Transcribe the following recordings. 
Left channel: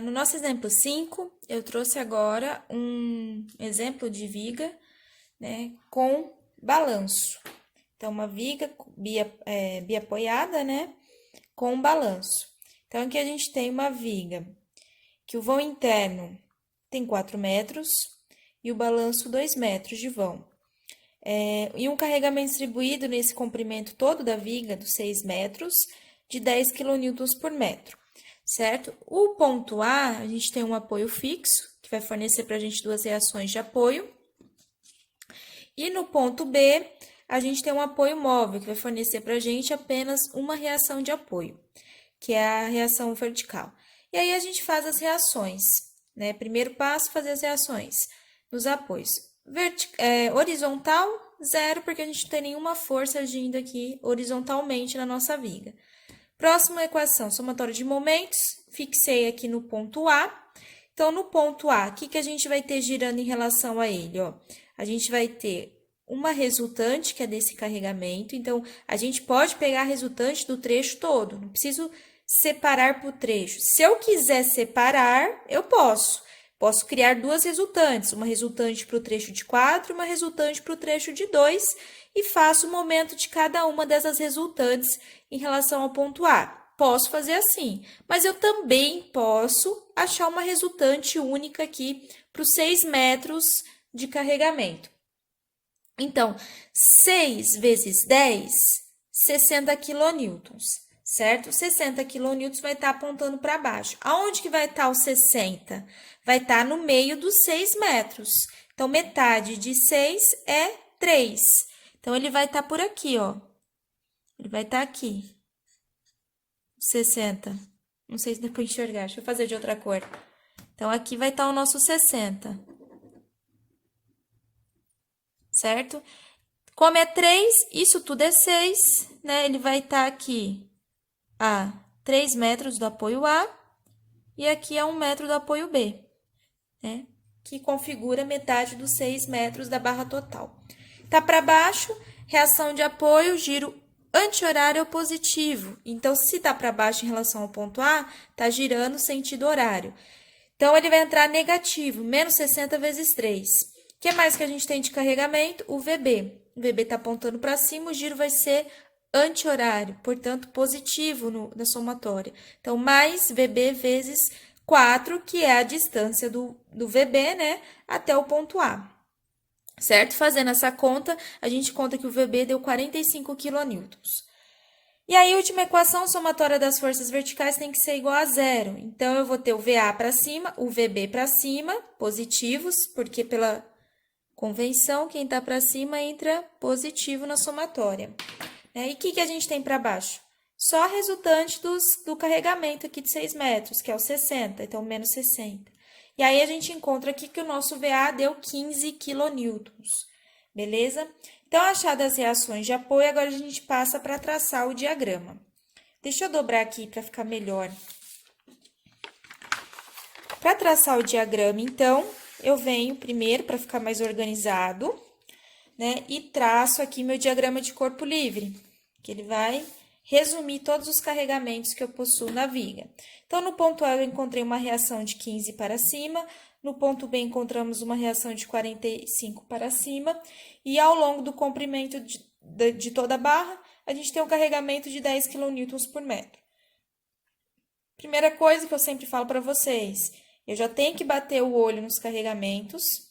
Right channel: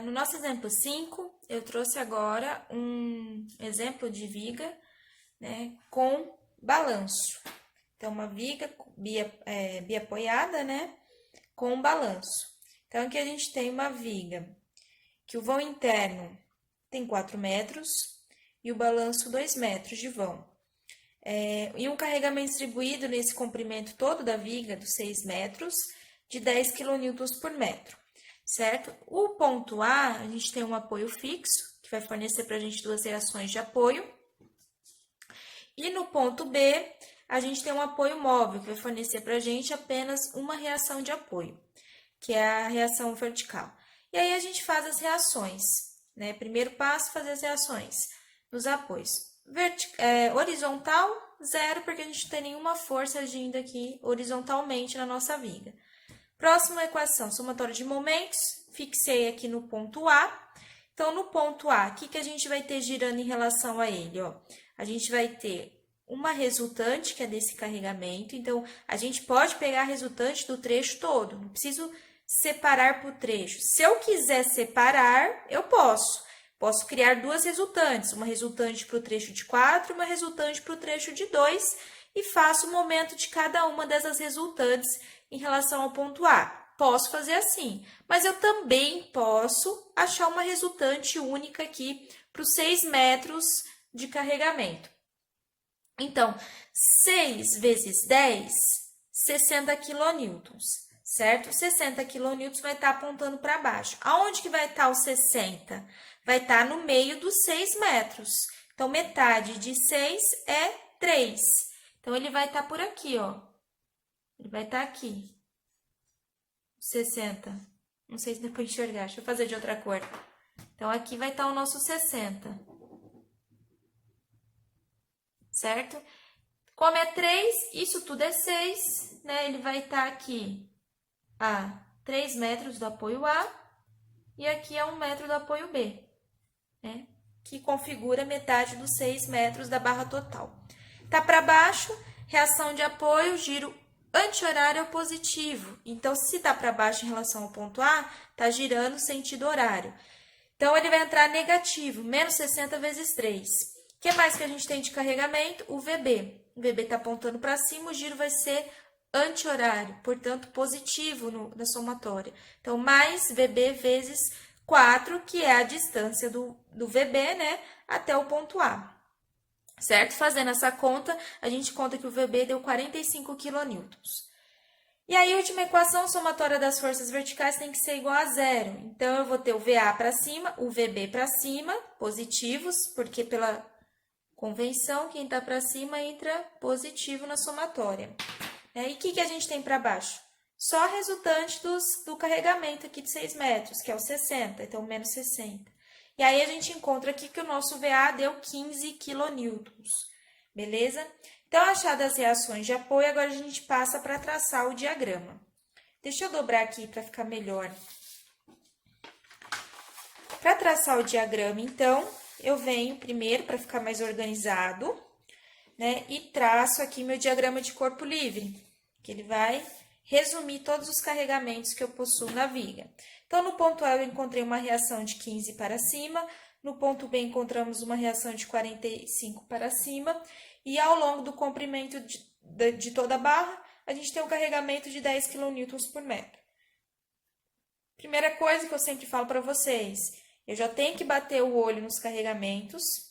No nosso exemplo 5, eu trouxe agora um exemplo de viga, né, com balanço. Então, uma viga biapoiada, né, com balanço. Então, aqui a gente tem uma viga que o vão interno tem 4 metros e o balanço 2 metros de vão. E um carregamento distribuído nesse comprimento todo da viga, dos 6 metros, de 10 kN por metro, certo? O ponto a gente tem um apoio fixo, que vai fornecer para a gente duas reações de apoio. E no ponto B, a gente tem um apoio móvel, que vai fornecer para a gente apenas uma reação de apoio, que é a reação vertical. E aí, a gente faz as reações, né? Primeiro passo, fazer as reações nos apoios. Horizontal, zero, porque a gente não tem nenhuma força agindo aqui horizontalmente na nossa viga. Próxima equação, somatório de momentos, fixei aqui no ponto A. Então, no ponto A, o que a gente vai ter girando em relação a ele? Ó? A gente vai ter uma resultante, que é desse carregamento. Então, a gente pode pegar a resultante do trecho todo, não preciso separar por trecho. Se eu quiser separar, eu posso. Posso criar duas resultantes, uma resultante para o trecho de 4 e uma resultante para o trecho de 2, e faço o momento de cada uma dessas resultantes em relação ao ponto A. Posso fazer assim, mas eu também posso achar uma resultante única aqui para os 6 metros de carregamento. Então, 6 vezes 10, 60 quilonewtons, certo? 60 quilonewtons vai estar apontando para baixo. Aonde que vai estar o 60? Vai estar no meio dos 6 metros. Então, metade de 6 é 3. Então, ele vai estar por aqui, ó. Ele vai estar aqui. 60. Não sei se dá para enxergar. Deixa eu fazer de outra cor. Então, aqui vai estar o nosso 60. Certo? Como é 3, isso tudo é 6, né? Ele vai estar aqui a 3 metros do apoio A e aqui a 1 metro do apoio B, né? Que configura metade dos 6 metros da barra total. Tá para baixo, reação de apoio, giro anti-horário positivo. Então, se tá para baixo em relação ao ponto A, tá girando sentido horário. Então, ele vai entrar negativo, menos 60 vezes 3. O que mais que a gente tem de carregamento? O VB. O VB está apontando para cima, o giro vai ser anti-horário, portanto, positivo na somatória. Então, mais VB vezes 4, que é a distância do VB, né, até o ponto A. Certo? Fazendo essa conta, a gente conta que o VB deu 45 quilonewtons. E aí, a última equação, somatória das forças verticais tem que ser igual a zero. Então, eu vou ter o VA para cima, o VB para cima, positivos, porque pela convenção, quem está para cima entra positivo na somatória. E o que a gente tem para baixo? Só a resultante do carregamento aqui de 6 metros, que é o 60, então menos 60. E aí, a gente encontra aqui que o nosso VA deu 15 quilonewtons, beleza? Então, achadas as reações de apoio, agora a gente passa para traçar o diagrama. Deixa eu dobrar aqui para ficar melhor. Para traçar o diagrama, então, eu venho primeiro para ficar mais organizado, né? E traço aqui meu diagrama de corpo livre, que ele vai resumir todos os carregamentos que eu possuo na viga. Então, no ponto A, eu encontrei uma reação de 15 para cima, no ponto B, encontramos uma reação de 45 para cima, e ao longo do comprimento de toda a barra, a gente tem um carregamento de 10 kN por metro. Primeira coisa que eu sempre falo para vocês, eu já tenho que bater o olho nos carregamentos,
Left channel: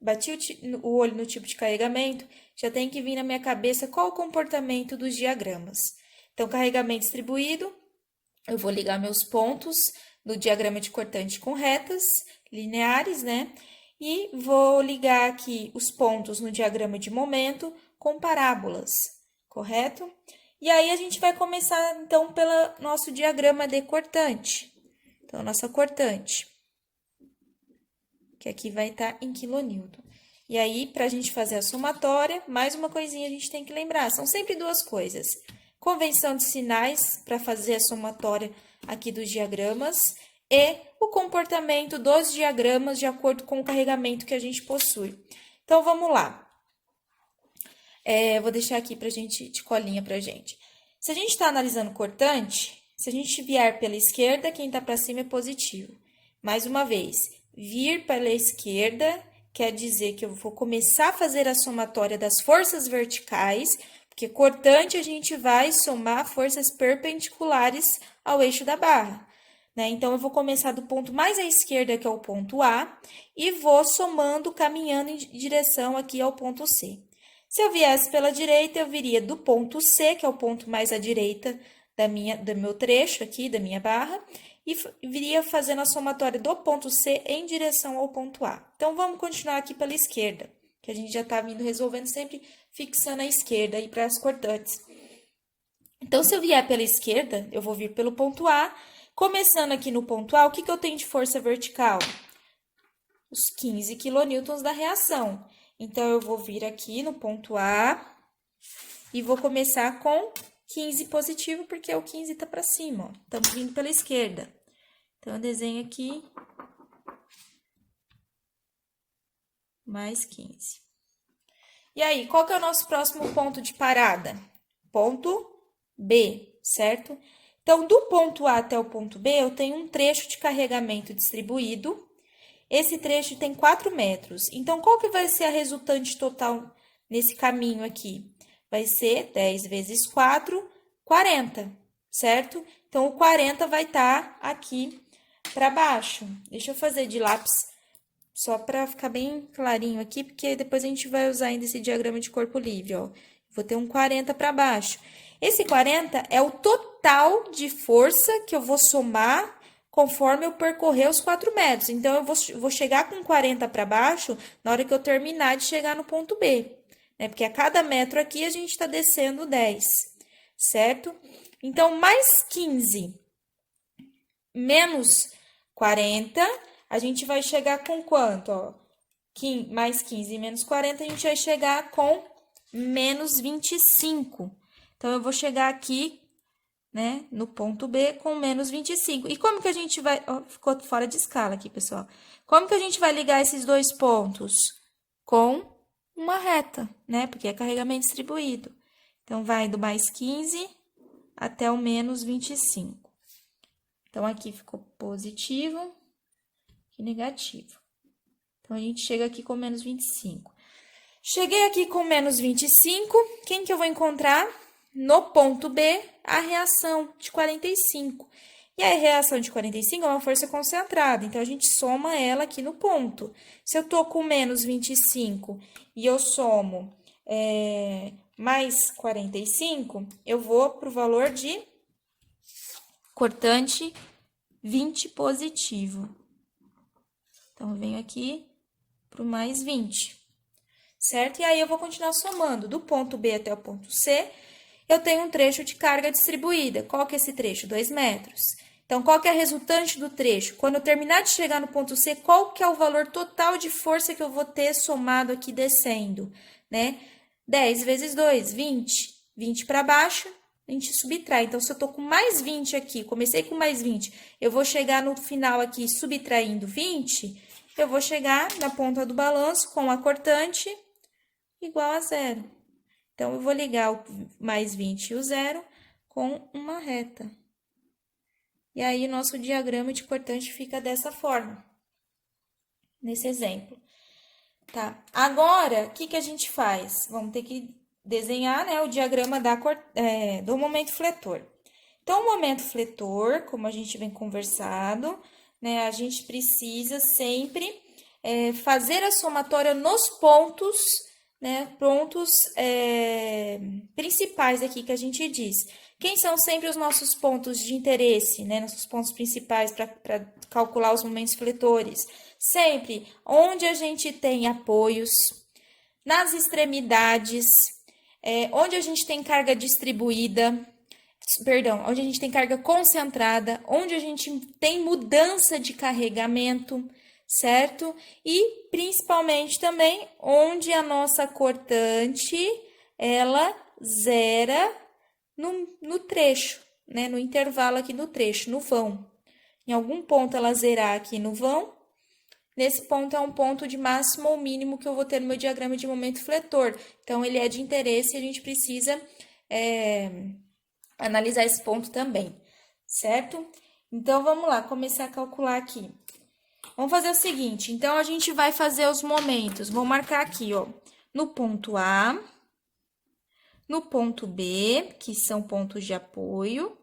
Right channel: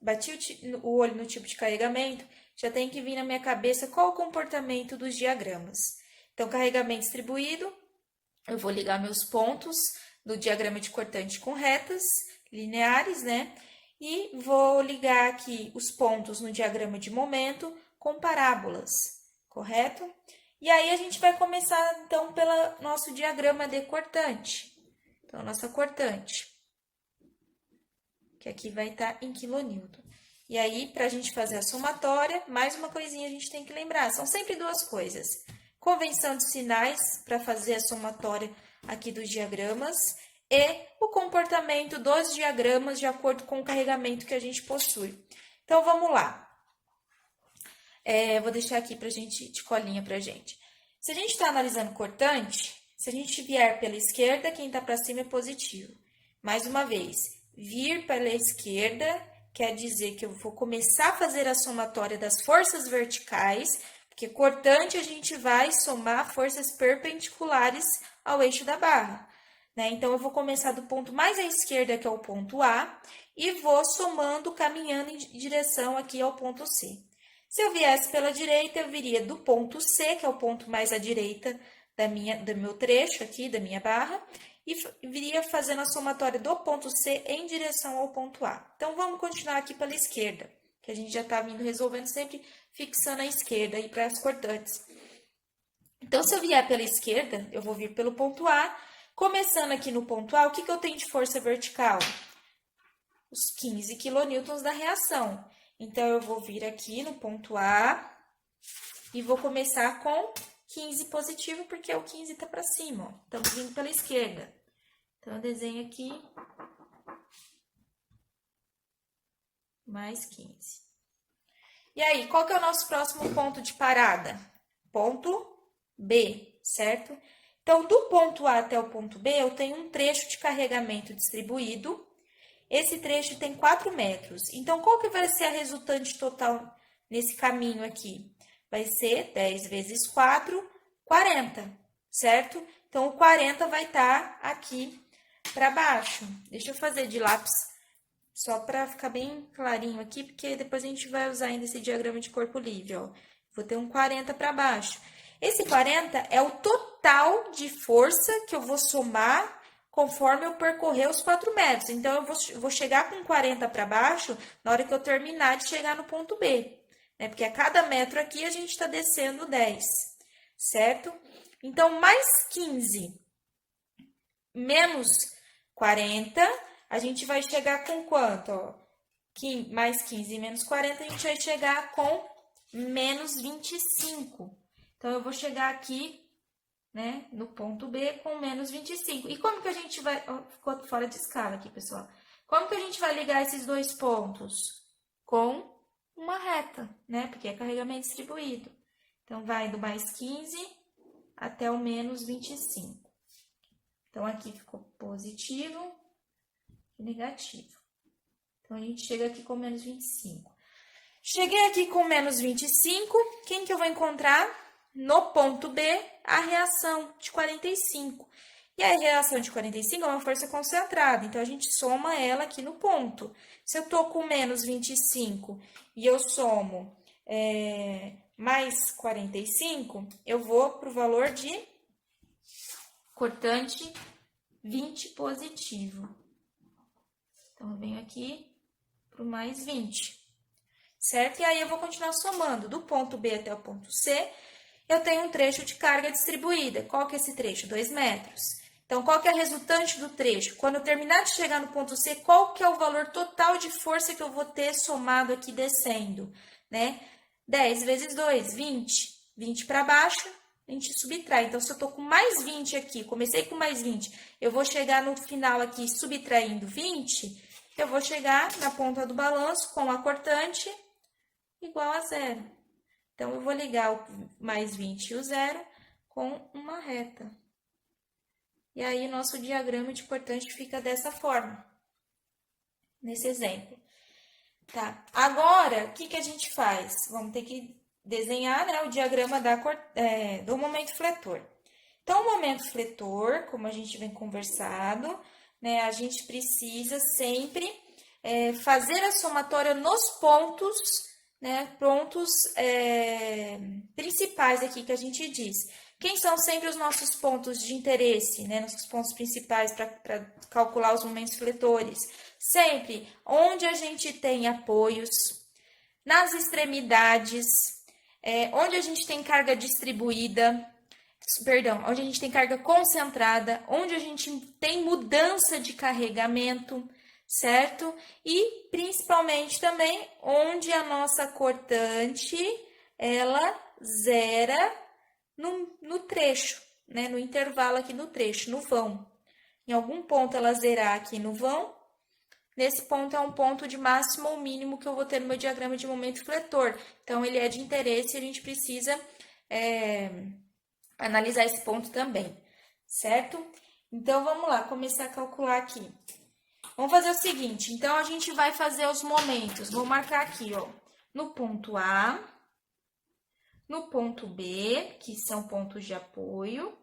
bati o olho no tipo de carregamento, já tem que vir na minha cabeça qual o comportamento dos diagramas. Então, carregamento distribuído, eu vou ligar meus pontos do diagrama de cortante com retas lineares, né? E vou ligar aqui os pontos no diagrama de momento com parábolas, correto? E aí, a gente vai começar, então, pelo nosso diagrama de cortante. Então, a nossa cortante, que aqui vai estar em quilonewton. E aí, para a gente fazer a somatória, mais uma coisinha a gente tem que lembrar, são sempre duas coisas. Convenção de sinais para fazer a somatória aqui dos diagramas e o comportamento dos diagramas de acordo com o carregamento que a gente possui. Então, vamos lá. Vou deixar aqui de colinha para a gente. Se a gente está analisando cortante, Se a gente vier pela esquerda, quem tá para cima é positivo. Mais uma vez, vir pela esquerda quer dizer que eu vou começar a fazer a somatória das forças verticais, porque cortante a gente vai somar forças perpendiculares ao eixo da barra, né? Então, eu vou começar do ponto mais à esquerda, que é o ponto A, e vou somando, caminhando em direção aqui ao ponto C. Se eu viesse pela direita, eu viria do ponto C, que é o ponto mais à direita do meu trecho aqui, da minha barra, e viria fazendo a somatória do ponto C em direção ao ponto A. Então, vamos continuar aqui pela esquerda, que a gente já tá vindo resolvendo sempre fixando a esquerda aí para as cortantes. Então, se eu vier pela esquerda, eu vou vir pelo ponto A. Começando aqui no ponto A, o que eu tenho de força vertical? Os 15 kN da reação. Então, eu vou vir aqui no ponto A e vou começar com 15 positivo, porque o 15 tá para cima, ó. Estamos vindo pela esquerda. Então, eu desenho aqui mais 15. E aí, qual que é o nosso próximo ponto de parada? Ponto B, certo? Então, do ponto A até o ponto B, eu tenho um trecho de carregamento distribuído. Esse trecho tem 4 metros. Então, qual que vai ser a resultante total nesse caminho aqui? Vai ser 10 vezes 4, 40, certo? Então, o 40 vai estar aqui para baixo. Deixa eu fazer de lápis só para ficar bem clarinho aqui, porque depois a gente vai usar ainda esse diagrama de corpo livre, ó. Vou ter um 40 para baixo. Esse 40 é o total de força que eu vou somar conforme eu percorrer os 4 metros. Então, eu vou chegar com 40 para baixo na hora que eu terminar de chegar no ponto B, né? Porque a cada metro aqui a gente está descendo 10, certo? Então, mais 15 menos 40, a gente vai chegar com quanto? Ó, mais 15 menos 40, a gente vai chegar com menos 25. Então, eu vou chegar aqui, né, no ponto B com menos 25. E como que a gente vai... Ó, ficou fora de escala aqui, pessoal. Como que a gente vai ligar esses dois pontos? Com uma reta, né, porque é carregamento distribuído. Então, vai do mais 15 até o menos 25. Então, aqui ficou positivo e negativo. Então, a gente chega aqui com menos 25. Cheguei aqui com menos 25, quem que eu vou encontrar? No ponto B, a reação de 45. E a reação de 45 é uma força concentrada, então, a gente soma ela aqui no ponto. Se eu tô com menos 25 e eu somo mais 45, eu vou pro valor de cortante 20 positivo. Então, eu venho aqui pro mais 20. Certo? E aí, eu vou continuar somando. Do ponto B até o ponto C, eu tenho um trecho de carga distribuída. Qual que é esse trecho? 2 metros. Então, qual que é a resultante do trecho? Quando eu terminar de chegar no ponto C, qual que é o valor total de força que eu vou ter somado aqui descendo, né? 10 vezes 2, 20. 20 para baixo, a gente subtrai. Então, se eu tô com mais 20 aqui, comecei com mais 20, eu vou chegar no final aqui subtraindo 20, eu vou chegar na ponta do balanço com a cortante igual a zero. Então, eu vou ligar o mais 20 e o zero com uma reta. E aí, o nosso diagrama de cortante fica dessa forma, nesse exemplo. Tá? Agora, o que que a gente faz? Vamos ter que desenhar, né, o diagrama do momento fletor. Então, o momento fletor, como a gente vem conversado, né, a gente precisa sempre fazer a somatória nos pontos, né, pontos principais aqui que a gente diz. Quem são sempre os nossos pontos de interesse, né, nossos pontos principais para calcular os momentos fletores? Sempre onde a gente tem apoios, nas extremidades, onde a gente tem carga distribuída, perdão, onde a gente tem carga concentrada, onde a gente tem mudança de carregamento, certo? E principalmente também onde a nossa cortante, ela zera no trecho, né? No intervalo aqui do trecho, no vão. Em algum ponto ela zerar aqui no vão, nesse ponto é um ponto de máximo ou mínimo que eu vou ter no meu diagrama de momento fletor. Então, ele é de interesse e a gente precisa analisar esse ponto também, certo? Então, vamos lá, começar a calcular aqui. Vamos fazer o seguinte, então, a gente vai fazer os momentos. Vou marcar aqui, ó, no ponto A, no ponto B, que são pontos de apoio,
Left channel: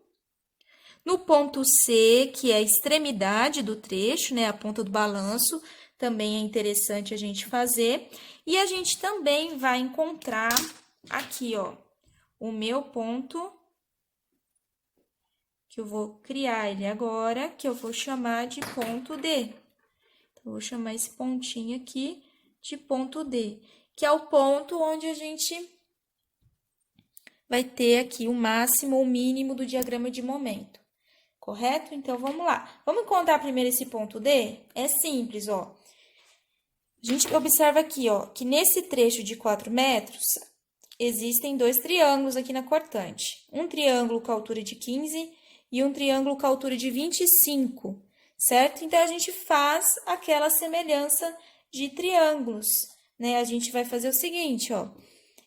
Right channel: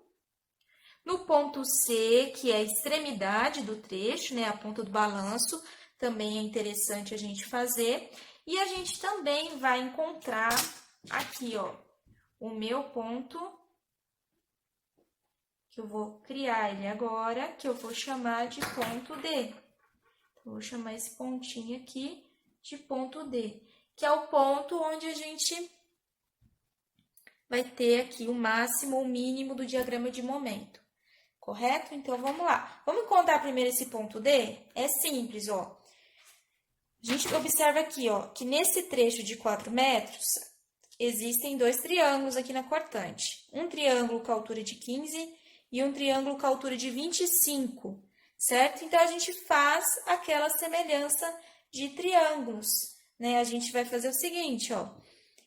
no ponto C, que é a extremidade do trecho, né, a ponta do balanço, também é interessante a gente fazer. E a gente também vai encontrar aqui, ó, o meu ponto, que eu vou criar ele agora, que eu vou chamar de ponto D. Então, vou chamar esse pontinho aqui de ponto D, que é o ponto onde a gente vai ter aqui o máximo ou mínimo do diagrama de momento, correto? Então, vamos lá. Vamos encontrar primeiro esse ponto D? É simples, ó. A gente observa aqui, ó, que nesse trecho de 4 metros, existem dois triângulos aqui na cortante. Um triângulo com altura de 15 e um triângulo com altura de 25, certo? Então, a gente faz aquela semelhança de triângulos, né? A gente vai fazer o seguinte, ó.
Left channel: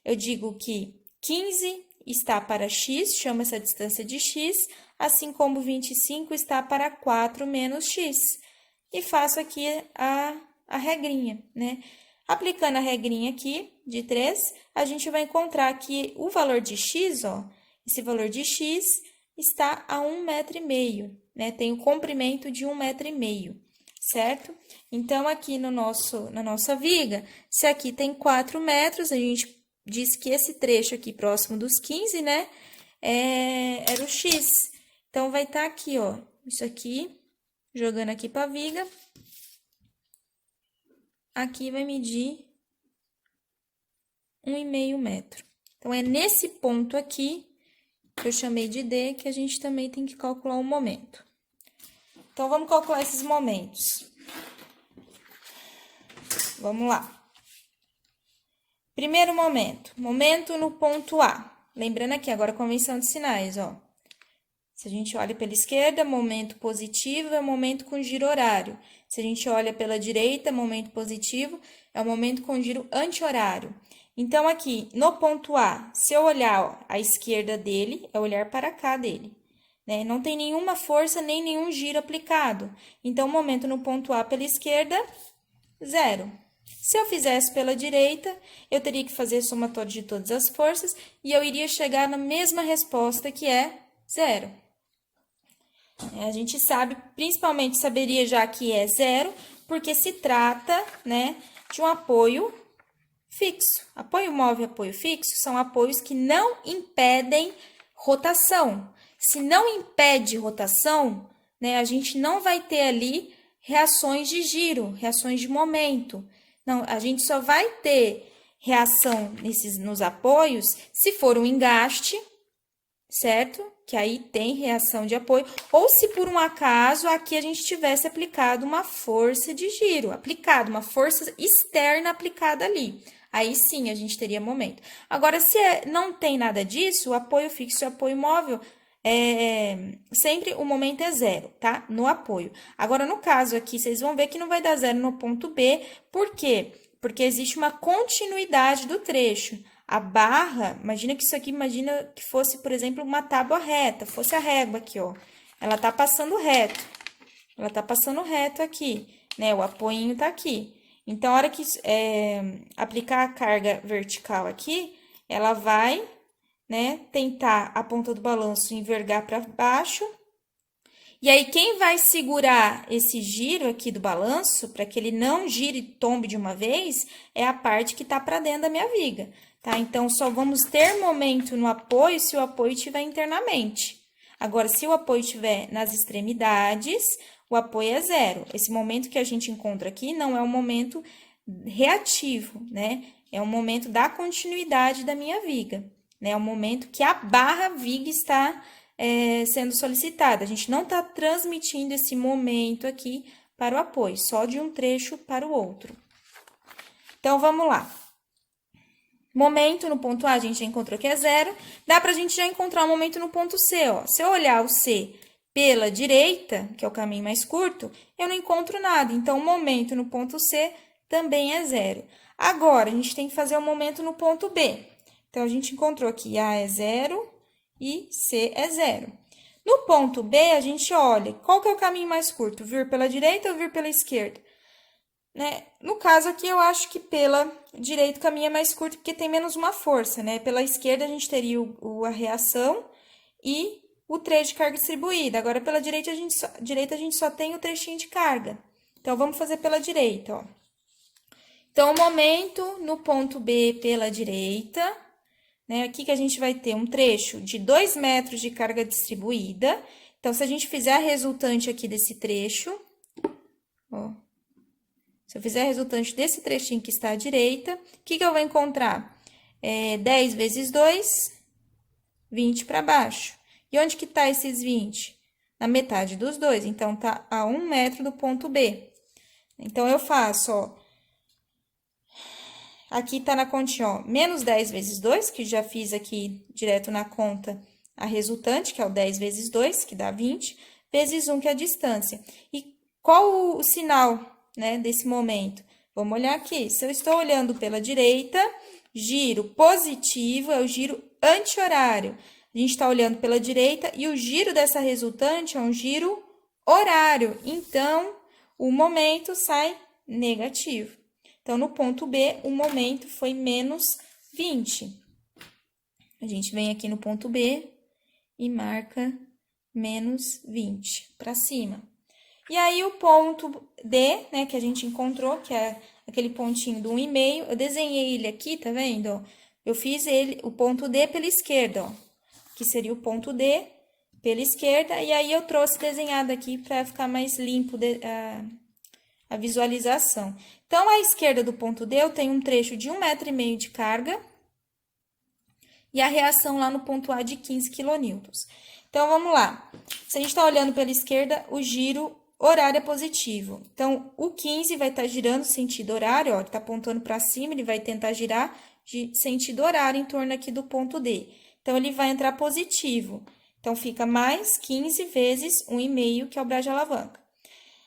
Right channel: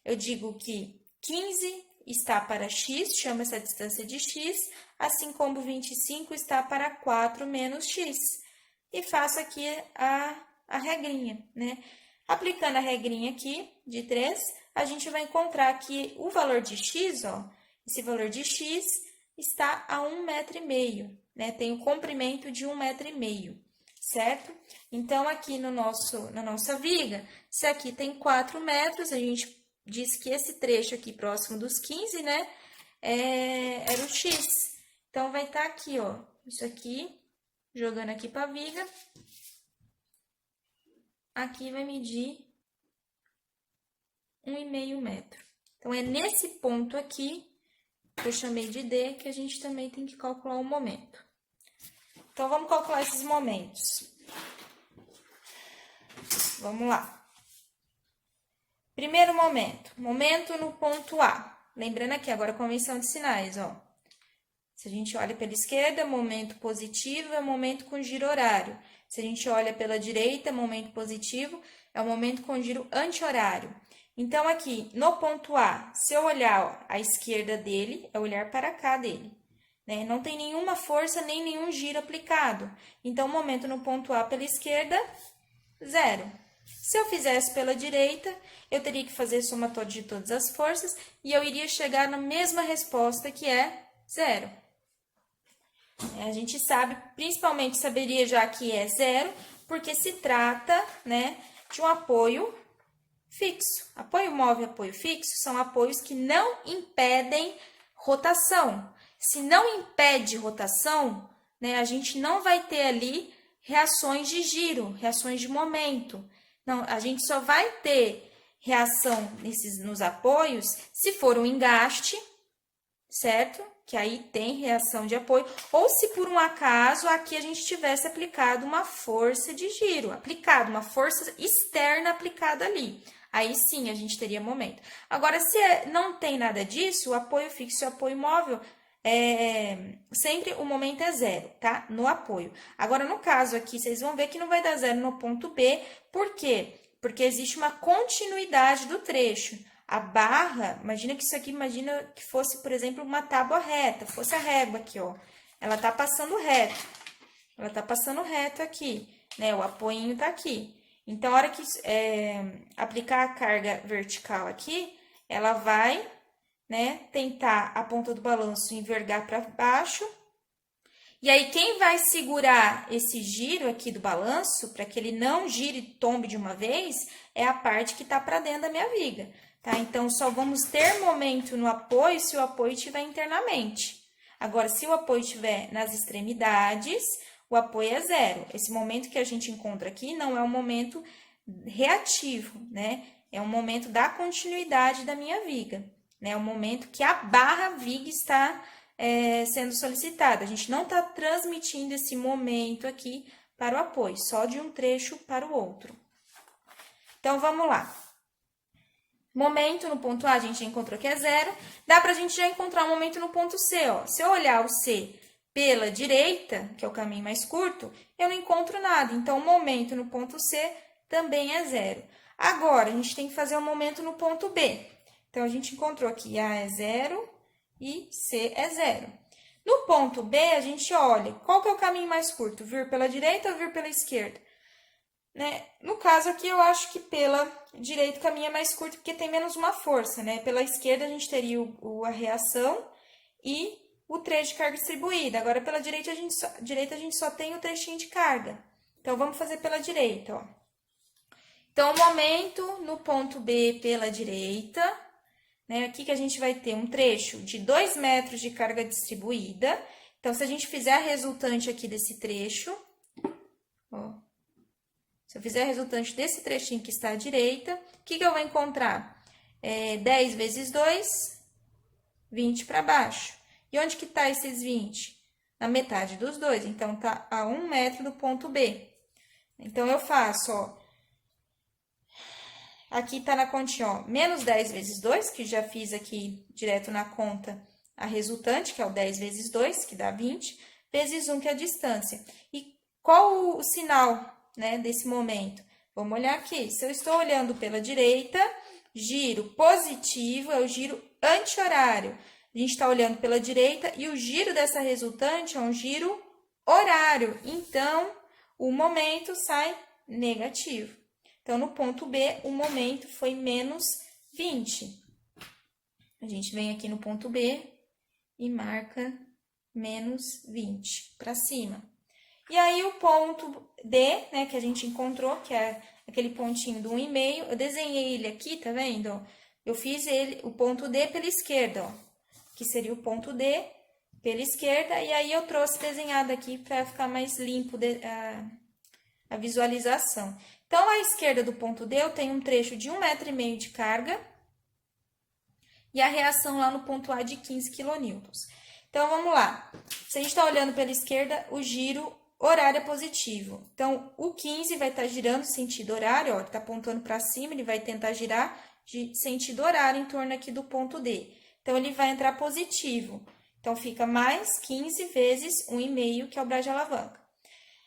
Eu digo que 15 está para x, chama essa distância de x, assim como 25 está para 4 menos x. E faço aqui a regrinha, né? Aplicando a regrinha aqui de 3, a gente vai encontrar que o valor de x, ó, esse valor de x está a 1,5 m, né? Tem o comprimento de 1,5 m, certo? Então, aqui na nossa viga, se aqui tem 4 metros, a gente diz que esse trecho aqui próximo dos 15, né, era o x. Então, vai estar aqui, ó, isso aqui, jogando aqui para a viga. Aqui vai medir 1,5 metro. Então, é nesse ponto aqui, que eu chamei de D, que a gente também tem que calcular o momento. Então, vamos calcular esses momentos. Vamos lá. Primeiro momento no ponto A. Lembrando aqui, agora a convenção de sinais, ó. Se a gente olha pela esquerda, momento positivo é momento com giro horário. Se a gente olha pela direita, momento positivo é o momento com giro anti-horário. Então, aqui, no ponto A, se eu olhar ó, a esquerda dele, é olhar para cá dele, né? Não tem nenhuma força nem nenhum giro aplicado. Então, o momento no ponto A pela esquerda, 0. Se eu fizesse pela direita, eu teria que fazer somatório de todas as forças e eu iria chegar na mesma resposta, que é 0. A gente sabe, principalmente saberia já que é 0, porque se trata, né, de um apoio fixo. Apoio móvel e apoio fixo são apoios que não impedem rotação. Se não impede rotação, né, a gente não vai ter ali reações de giro, reações de momento. Não, a gente só vai ter reação nos apoios se for um engaste, certo? Que aí tem reação de apoio, ou se por um acaso aqui a gente tivesse aplicado uma força de giro, uma força externa aplicada ali. Aí sim a gente teria momento. Agora, se não tem nada disso, o apoio fixo e o apoio móvel, sempre o momento é 0, tá? No apoio. Agora, no caso aqui, vocês vão ver que não vai dar 0 no ponto B, por quê? Porque existe uma continuidade do trecho. A barra, imagina que isso aqui, imagina que fosse, por exemplo, uma tábua reta, fosse a régua aqui, ó. Ela tá passando reto. Ela tá passando reto aqui, né? O apoio tá aqui. Então, a hora que aplicar a carga vertical aqui, ela vai, né, tentar a ponta do balanço envergar para baixo. E aí, quem vai segurar esse giro aqui do balanço, para que ele não gire e tombe de uma vez, é a parte que tá para dentro da minha viga. Tá? Então, só vamos ter momento no apoio se o apoio estiver internamente. Agora, se o apoio estiver nas extremidades, o apoio é 0. Esse momento que a gente encontra aqui não é um momento reativo, né? É um momento da continuidade da minha viga, né? É um momento que a barra viga está sendo solicitada. A gente não está transmitindo esse momento aqui para o apoio, só de um trecho para o outro. Então, vamos lá. Momento no ponto A, a gente já encontrou que é 0. Dá para a gente já encontrar o momento no ponto C, ó. Se eu olhar o C pela direita, que é o caminho mais curto, eu não encontro nada. Então, o momento no ponto C também é 0. Agora, a gente tem que fazer o momento no ponto B. Então, a gente encontrou que A é 0 e C é 0. No ponto B, a gente olha qual que é o caminho mais curto, vir pela direita ou vir pela esquerda? Né? No caso aqui, eu acho que pela direita o caminho é mais curto, porque tem menos uma força, né? Pela esquerda, a gente teria a reação e o trecho de carga distribuída. Agora, pela direita, a gente só tem o trechinho de carga. Então, vamos fazer pela direita, ó. Então, o momento no ponto B pela direita, né? Aqui que a gente vai ter um trecho de 2 metros de carga distribuída. Então, se a gente fizer a resultante aqui desse trecho, ó. Se eu fizer a resultante desse trechinho que está à direita, o que eu vou encontrar? 10 vezes 2, 20 para baixo. E onde que tá esses 20? Na metade dos dois. Então, tá a 1 metro do ponto B. Então, eu faço, ó. Aqui tá na continha, ó, menos 10 vezes 2, que já fiz aqui direto na conta a resultante, que é o 10 vezes 2, que dá 20, vezes 1, que é a distância. E qual o sinal, né, desse momento? Vamos olhar aqui. Se eu estou olhando pela direita, giro positivo é o giro anti-horário. A gente está olhando pela direita e o giro dessa resultante é um giro horário. Então, o momento sai negativo. Então, no ponto B, o momento foi menos 20. A gente vem aqui no ponto B e marca menos 20 para cima. E aí, o ponto D, né, que a gente encontrou, que é aquele pontinho do 1,5, eu desenhei ele aqui, tá vendo? Eu fiz ele, o ponto D pela esquerda, ó, que seria o ponto D pela esquerda, e aí eu trouxe desenhado aqui para ficar mais limpo a visualização. Então, à esquerda do ponto D, eu tenho um trecho de 1,5 metro de carga e a reação lá no ponto A de 15 kN. Então, vamos lá. Se a gente está olhando pela esquerda, o giro horário é positivo. Então, o 15 vai estar girando sentido horário, ó, ele está apontando para cima, ele vai tentar girar de sentido horário em torno aqui do ponto D. Então, ele vai entrar positivo. Então, fica mais 15 vezes 1,5, que é o braço de alavanca.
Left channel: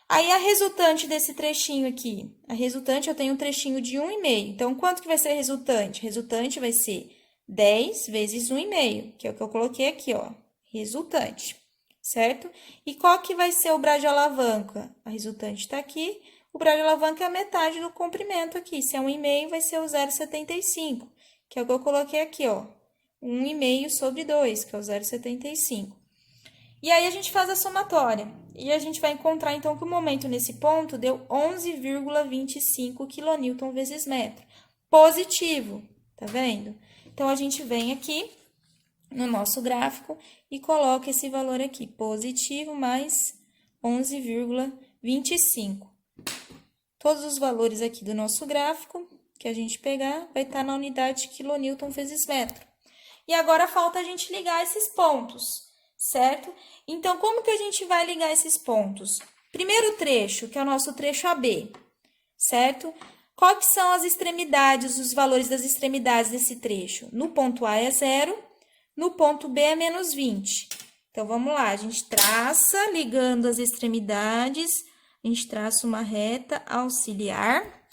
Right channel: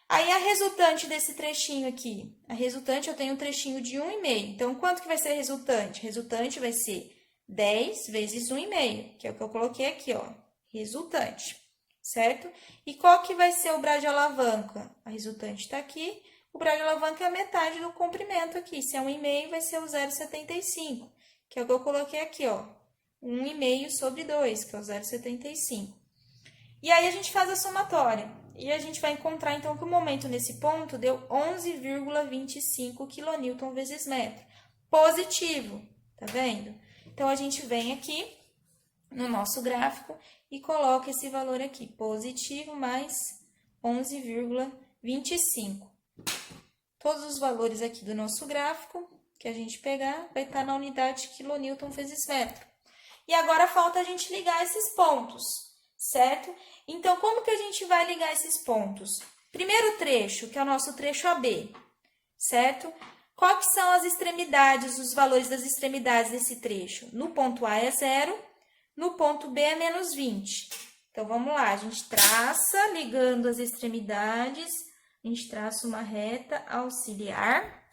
Aí, a resultante desse trechinho aqui, a resultante eu tenho um trechinho de 1,5. Então, quanto que vai ser a resultante? A resultante vai ser 10 vezes 1,5, que é o que eu coloquei aqui, ó, resultante, certo? E qual que vai ser o braço de alavanca? A resultante tá aqui, o braço de alavanca é a metade do comprimento aqui. Se é 1,5, vai ser o 0,75, que é o que eu coloquei aqui, ó, 1,5 sobre 2, que é o 0,75. E aí, a gente faz a somatória. E a gente vai encontrar, então, que o momento nesse ponto deu 11,25 kN vezes metro. Positivo, tá vendo? Então, a gente vem aqui no nosso gráfico e coloca esse valor aqui, positivo mais 11,25. Todos os valores aqui do nosso gráfico que a gente pegar vai estar na unidade de quilonewton vezes metro. E agora falta a gente ligar esses pontos, certo? Então, como que a gente vai ligar esses pontos? Primeiro trecho, que é o nosso trecho AB, certo? Quais que são as extremidades, os valores das extremidades desse trecho? No ponto A é 0, no ponto B é menos 20. Então, vamos lá, a gente traça, ligando as extremidades, a gente traça uma reta auxiliar.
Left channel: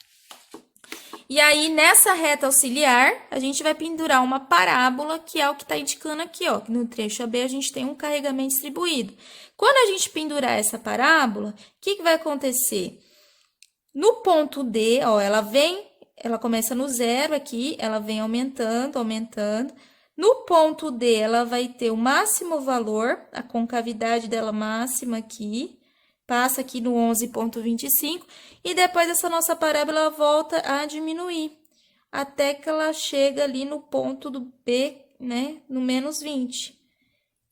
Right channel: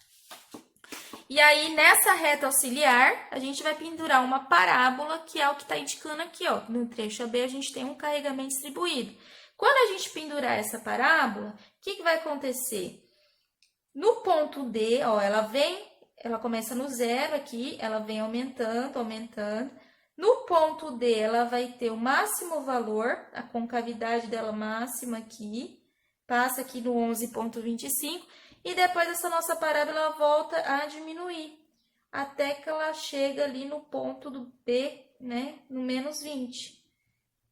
E aí, nessa reta auxiliar, a gente vai pendurar uma parábola, que é o que está indicando aqui, ó. No trecho AB, a gente tem um carregamento distribuído. Quando a gente pendurar essa parábola, o que vai acontecer? No ponto D, ó, ela começa no 0 aqui, ela vem aumentando, aumentando. No ponto D, ela vai ter o máximo valor, a concavidade dela máxima aqui, passa aqui no 11,25, e depois essa nossa parábola ela volta a diminuir, até que ela chega ali no ponto do B, né, no menos 20.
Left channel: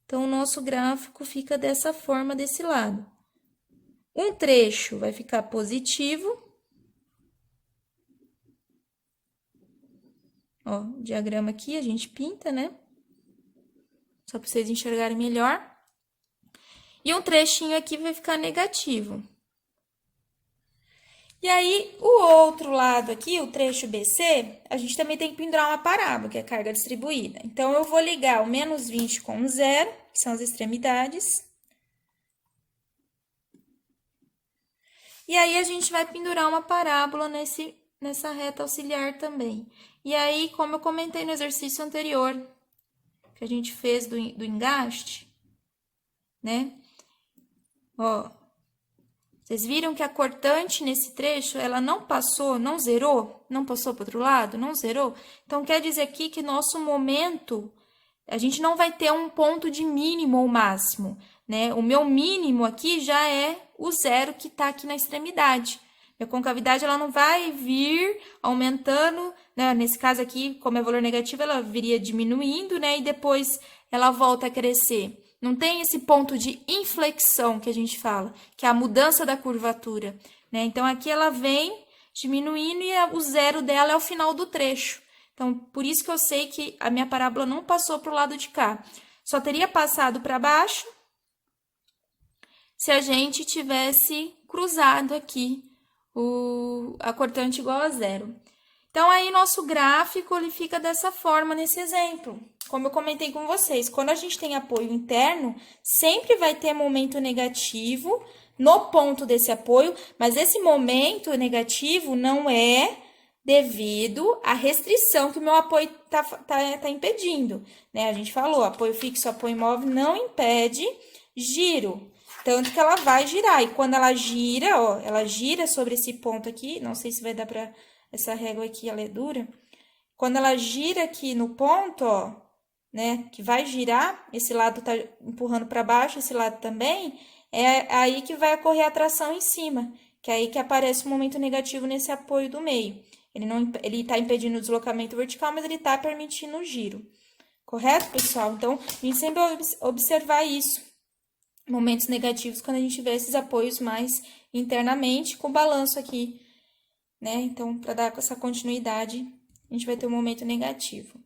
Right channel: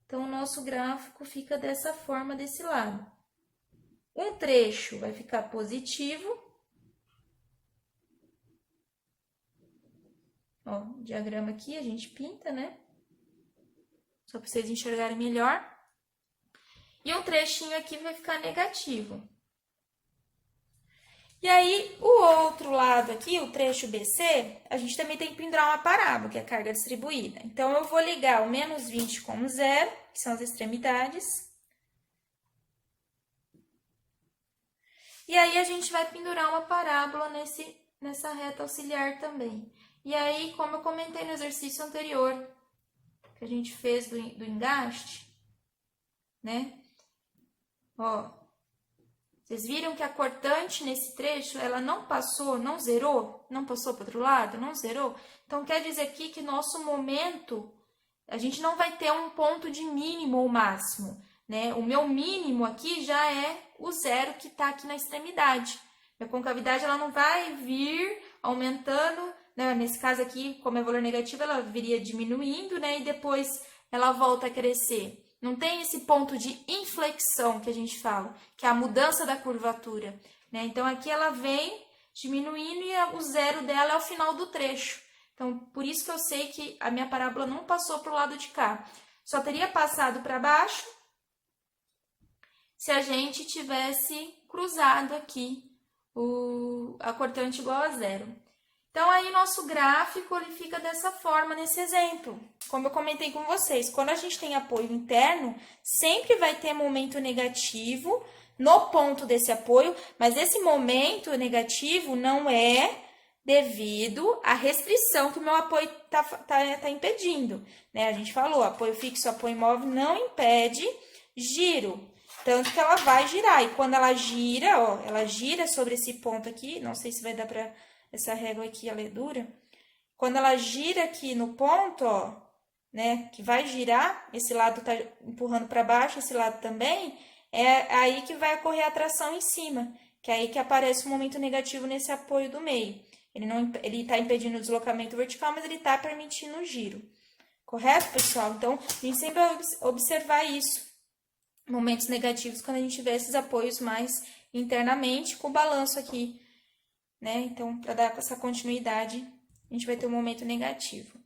Então, o nosso gráfico fica dessa forma, desse lado. Um trecho vai ficar positivo. Ó, o diagrama aqui a gente pinta, né? Só para vocês enxergarem melhor. E um trechinho aqui vai ficar negativo. E aí, o outro lado aqui, o trecho BC, a gente também tem que pendurar uma parábola, que é a carga distribuída. Então, eu vou ligar o menos 20 com o 0, que são as extremidades. E aí, a gente vai pendurar uma parábola nessa reta auxiliar também. E aí, como eu comentei no exercício anterior, que a gente fez do engaste, né? Ó, vocês viram que a cortante nesse trecho, ela não passou, não zerou? Não passou para o outro lado? Não zerou? Então, quer dizer aqui que nosso momento, a gente não vai ter um ponto de mínimo ou máximo, né? O meu mínimo aqui já é o zero que está aqui na extremidade. Minha concavidade, ela não vai vir aumentando, né? Nesse caso aqui, como é valor negativo, ela viria diminuindo, né? E depois ela volta a crescer. Não tem esse ponto de inflexão que a gente fala, que é a mudança da curvatura, né? Então, aqui ela vem diminuindo e o zero dela é o final do trecho. Então, por isso que eu sei que a minha parábola não passou para o lado de cá. Só teria passado para baixo se a gente tivesse cruzado aqui a cortante igual a zero. Então, aí, nosso gráfico ele fica dessa forma nesse exemplo. Como eu comentei com vocês, quando a gente tem apoio interno, sempre vai ter momento negativo no ponto desse apoio, mas esse momento negativo não é devido à restrição que o meu apoio tá impedindo, né? A gente falou, apoio fixo, apoio imóvel não impede giro, tanto que ela vai girar. E quando ela gira, ó, ela gira sobre esse ponto aqui, não sei se vai dar para essa régua aqui, ela é dura. Quando ela gira aqui no ponto, ó, né, que vai girar, esse lado tá empurrando para baixo, esse lado também, é aí que vai ocorrer a tração em cima, que é aí que aparece o momento negativo nesse apoio do meio. Ele tá impedindo o deslocamento vertical, mas ele tá permitindo o giro. Correto, pessoal? Então, a gente sempre vai observar isso. Momentos negativos quando a gente vê esses apoios mais internamente, com balanço aqui, né? Então, para dar essa continuidade, a gente vai ter um momento negativo.